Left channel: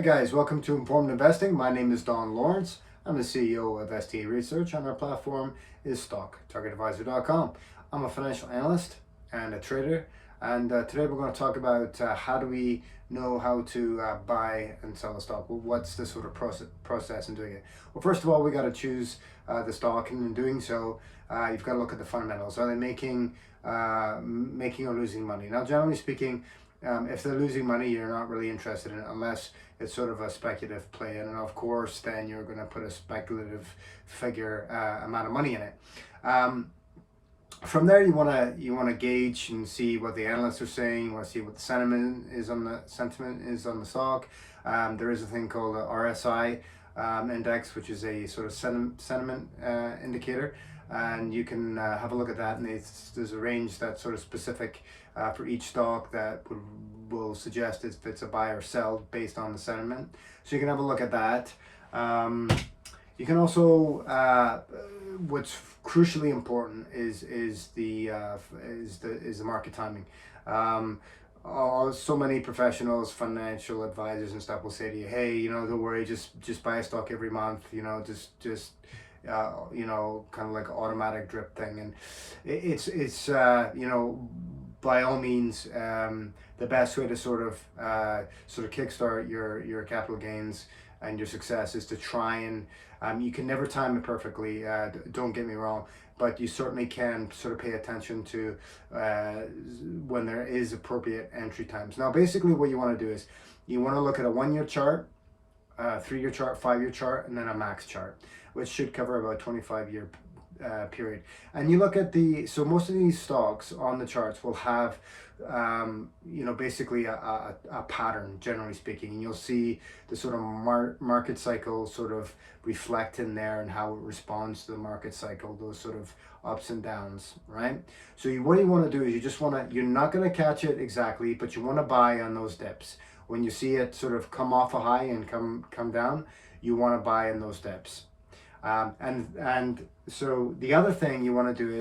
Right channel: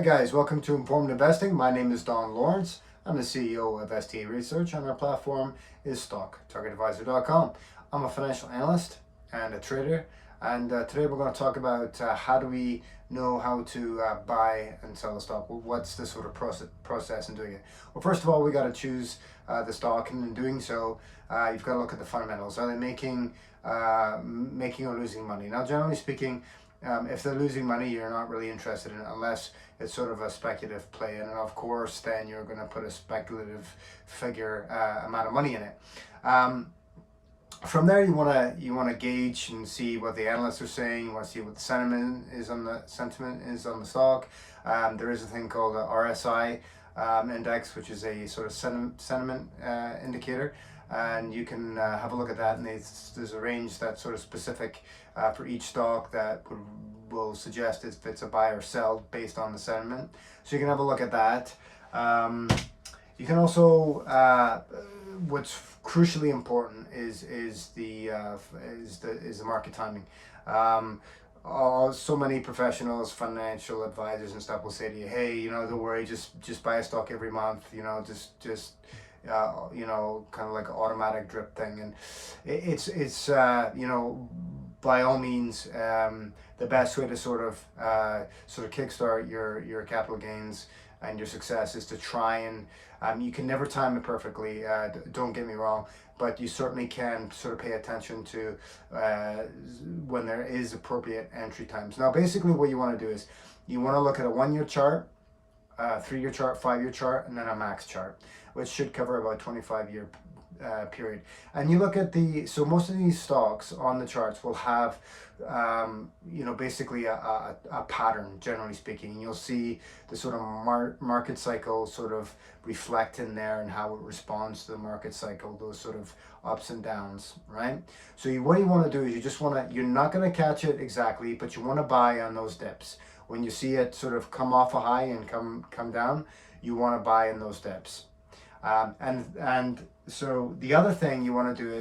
Hi guys, welcome to Informed Investing. My name is Don Lawrence. I'm the CEO of STA Research and our platform is StockTargetAdvisor.com. I'm a financial analyst and a trader, and today we're going to talk about how do we know how to buy and sell a stock. Well, what's the sort of process in doing it? Well, first of all, we got to choose the stock, and in doing so, you've got to look at the fundamentals. Are they making or losing money? Now, generally speaking, if they're losing money, you're not really interested in it unless it's sort of a speculative play. And of course, then you're going to put a speculative figure amount of money in it. From there, you want to gauge and see what the analysts are saying. You want to see what the sentiment is on the stock. There is a thing called the RSI index, which is a sort of sentiment indicator, and you can have a look at that. And there's a range that's sort of specific for each stock that will suggest if it's a buy or sell based on the sentiment. So you can have a look at that. You can also what's crucially important is the market timing. So many professionals, financial advisors and stuff will say to you, hey, don't worry, just buy a stock every month, just kind of like an automatic drip thing. And it's by all means, the best way to sort of kickstart your capital gains and your success is to try and you can never time it perfectly, don't get me wrong, but you certainly can sort of pay attention to when there is appropriate entry times. Now, basically what you want to do is you want to look at a 1-year chart, 3-year chart, 5-year chart, and then a max chart, which should cover about 25-year period. And you look at so most of these stocks on the charts will have basically a pattern, generally speaking, and you'll see the sort of market cycle sort of reflect in there and how it responds to the market cycle, those sort of ups and downs, right? So what you want to do is you're not going to catch it exactly, but you want to buy on those dips. When you see it sort of come off a high and come down, you want to buy in those dips. And so the other thing you want to do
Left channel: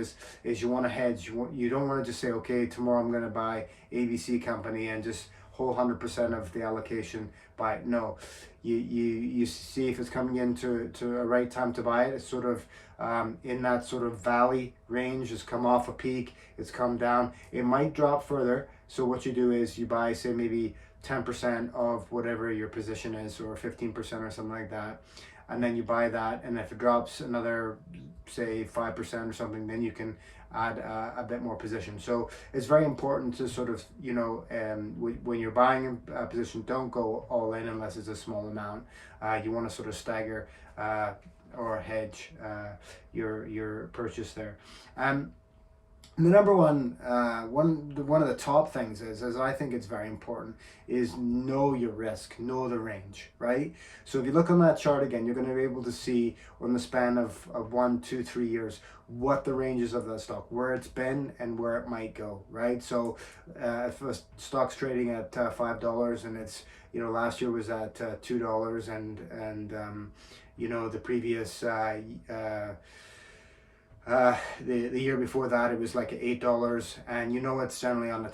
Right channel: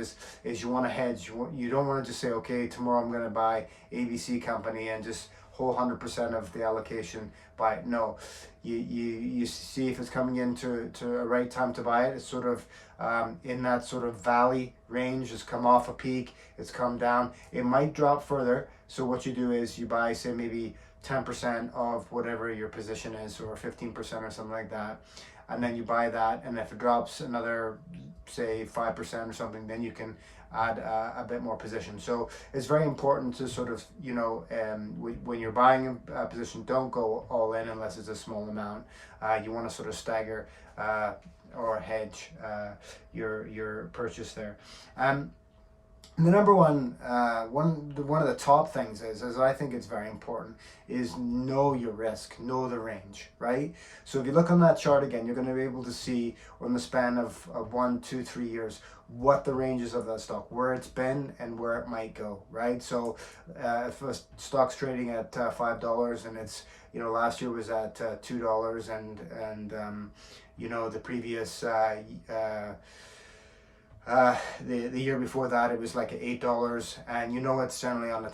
is you want to hedge. You don't want to just say, okay, tomorrow I'm going to buy ABC company and just whole 100% of the allocation buy it. No, you see if it's coming into a right time to buy it. It's sort of in that sort of valley range. It's come off a peak, it's come down, it might drop further. So what you do is you buy, say, maybe 10% of whatever your position is, or 15% or something like that, and then you buy that, and if it drops another, say, 5% or something, then you can add a bit more position. So it's very important to sort of, when you're buying a position, don't go all in unless it's a small amount. You want to sort of stagger or hedge your purchase there. The number one of the top things is I think it's very important, is know your risk, know the range, right? So if you look on that chart again, you're going to be able to see in the span of 1, 2, 3 years what the ranges of that stock, where it's been and where it might go, right? So if a stock's trading at $5 and it's last year was at $2 and the previous the year before that it was like $8, and it's generally on a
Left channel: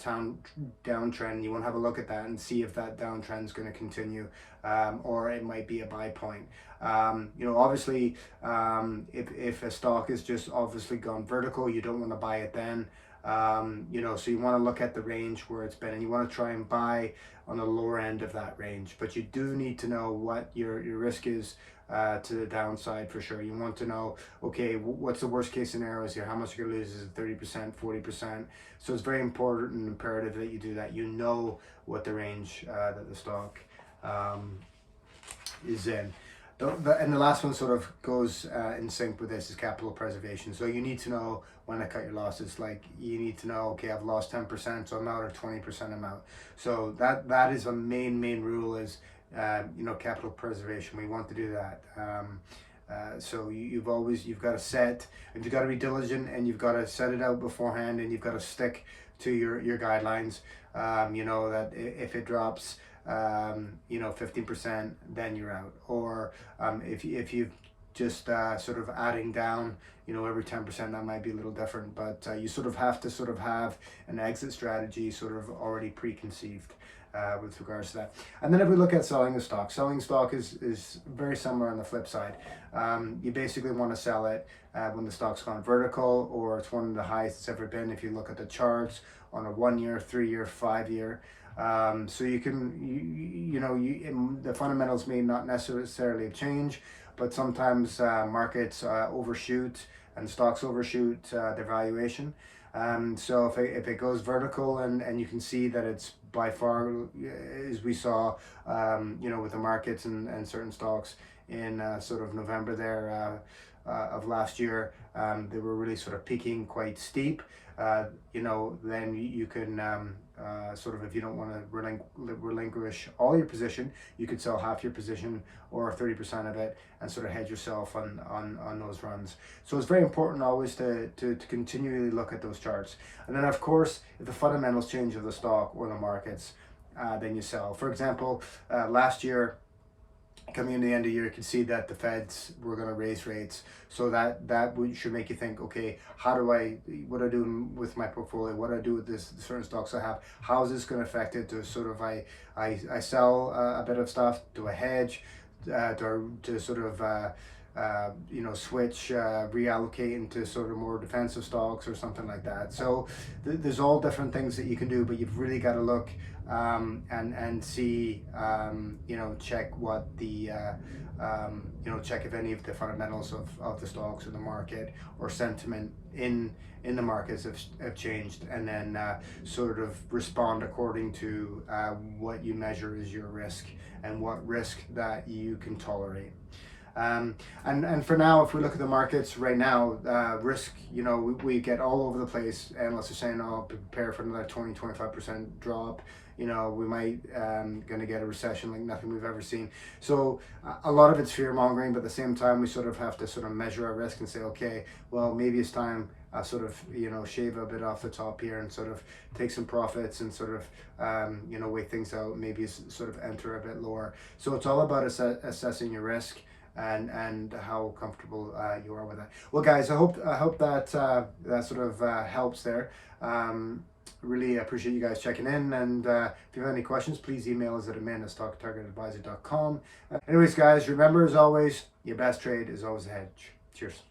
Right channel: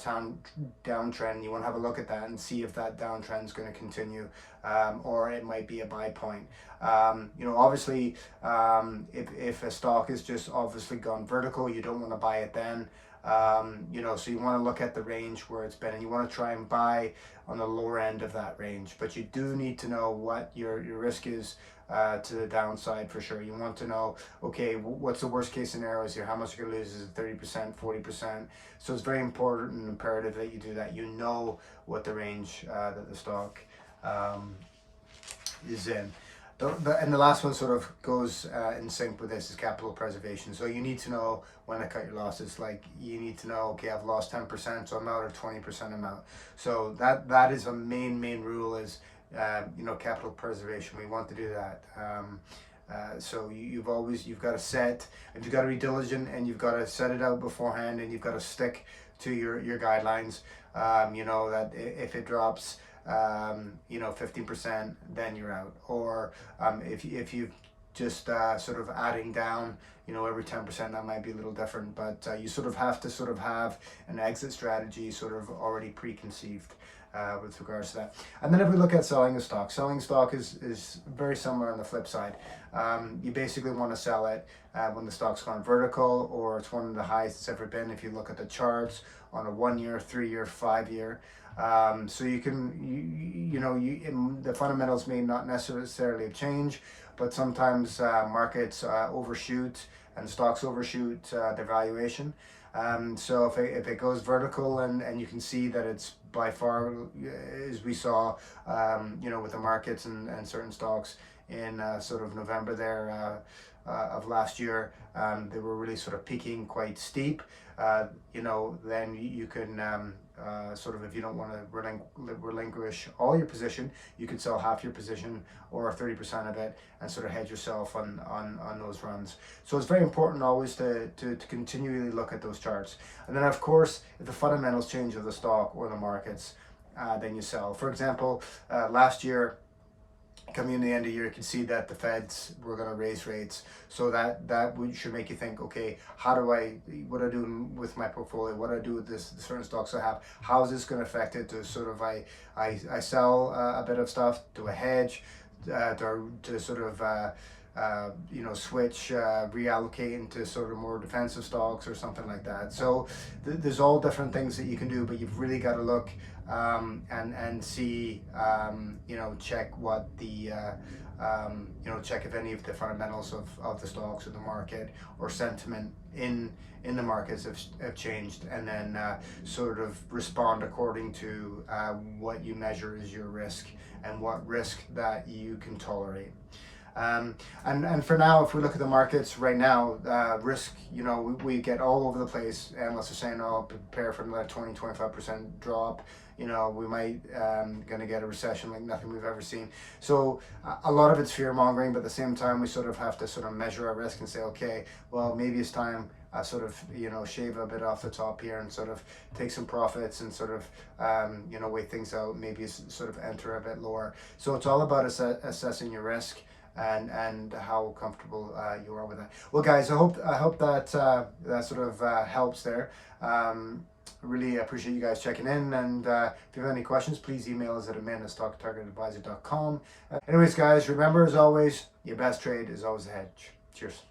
downtrend. You want to have a look at that and see if that downtrend is going to continue, or it might be a buy point. Obviously, if a stock is just obviously gone vertical, you don't want to buy it then. So you want to look at the range where it's been, and you want to try and buy on the lower end of that range. But you do need to know what your risk is to the downside for sure. You want to know, okay, what's the worst case scenarios here? How much you're going to lose? Is it 30%, 40%? So it's very important and imperative that you do that. You know what the range that the stock is in. And the last one sort of goes in sync with this is capital preservation. So you need to know when to cut your losses. Like you need to know, okay, I've lost 10%, so I'm out, or 20% I'm out. So that is a main rule is, capital preservation. We want to do that. So you've got to set, and you've got to be diligent, and you've got to set it out beforehand, and you've got to stick to your guidelines. That if it drops 15%, then you're out. Or if you've just sort of adding down, every 10%, that might be a little different, but you sort of have to sort of have an exit strategy sort of already preconceived. with regards to that. And then if we look at selling stock is very similar on the flip side. You basically want to sell it when the stock's gone vertical, or it's one of the highest it's ever been if you look at the charts on a 1 year, 3 year, 5 year. So you can, the fundamentals may not necessarily change, but sometimes markets overshoot and stocks overshoot their valuation. So if it goes vertical and you can see that it's by far, as we saw, with the markets and certain stocks in sort of November there of last year, they were really sort of peaking quite steep. Then you can sort of, if you don't want to relinquish all your position, you could sell half your position or 30% of it and sort of hedge yourself on those runs. So it's very important always to continually look at those charts. And then of course, if the fundamentals change of the stock or the markets, then you sell. For example, last year, coming in the end of the year, you can see that the Feds were going to raise rates. So that should make you think, okay, what do I do with my portfolio? What do I do with the certain stocks I have? How is this going to affect it? I sell a bit of stuff? Do I hedge? To sort of switch, reallocate into sort of more defensive stocks or something like that. So there's all different things that you can do, but you've really got to look and see, check what the, check if any of the fundamentals of the stocks or the market or sentiment in the markets have changed, and then sort of respond according to what you measure as your risk and what risk that you can tolerate. And for now, if we look at the markets right now, risk, we get all over the place. Analysts are saying, oh, prepare for another 20-25% drop. We might going to get a recession like nothing we've ever seen. So a lot of it's fear mongering, but at the same time, we sort of have to sort of measure our risk and say, okay, well, maybe it's time sort of, shave a bit off the top here and sort of take some profits and sort of, wait things out, maybe sort of enter a bit lower. So it's all about assessing your risk and how comfortable you are with that. Well, guys, I hope that that sort of helps there. Really appreciate you guys checking in, and if you have any questions, please email us at admin@stocktargetadvisor.com. Anyways, guys, remember, as always, your best trade is always a hedge. Cheers.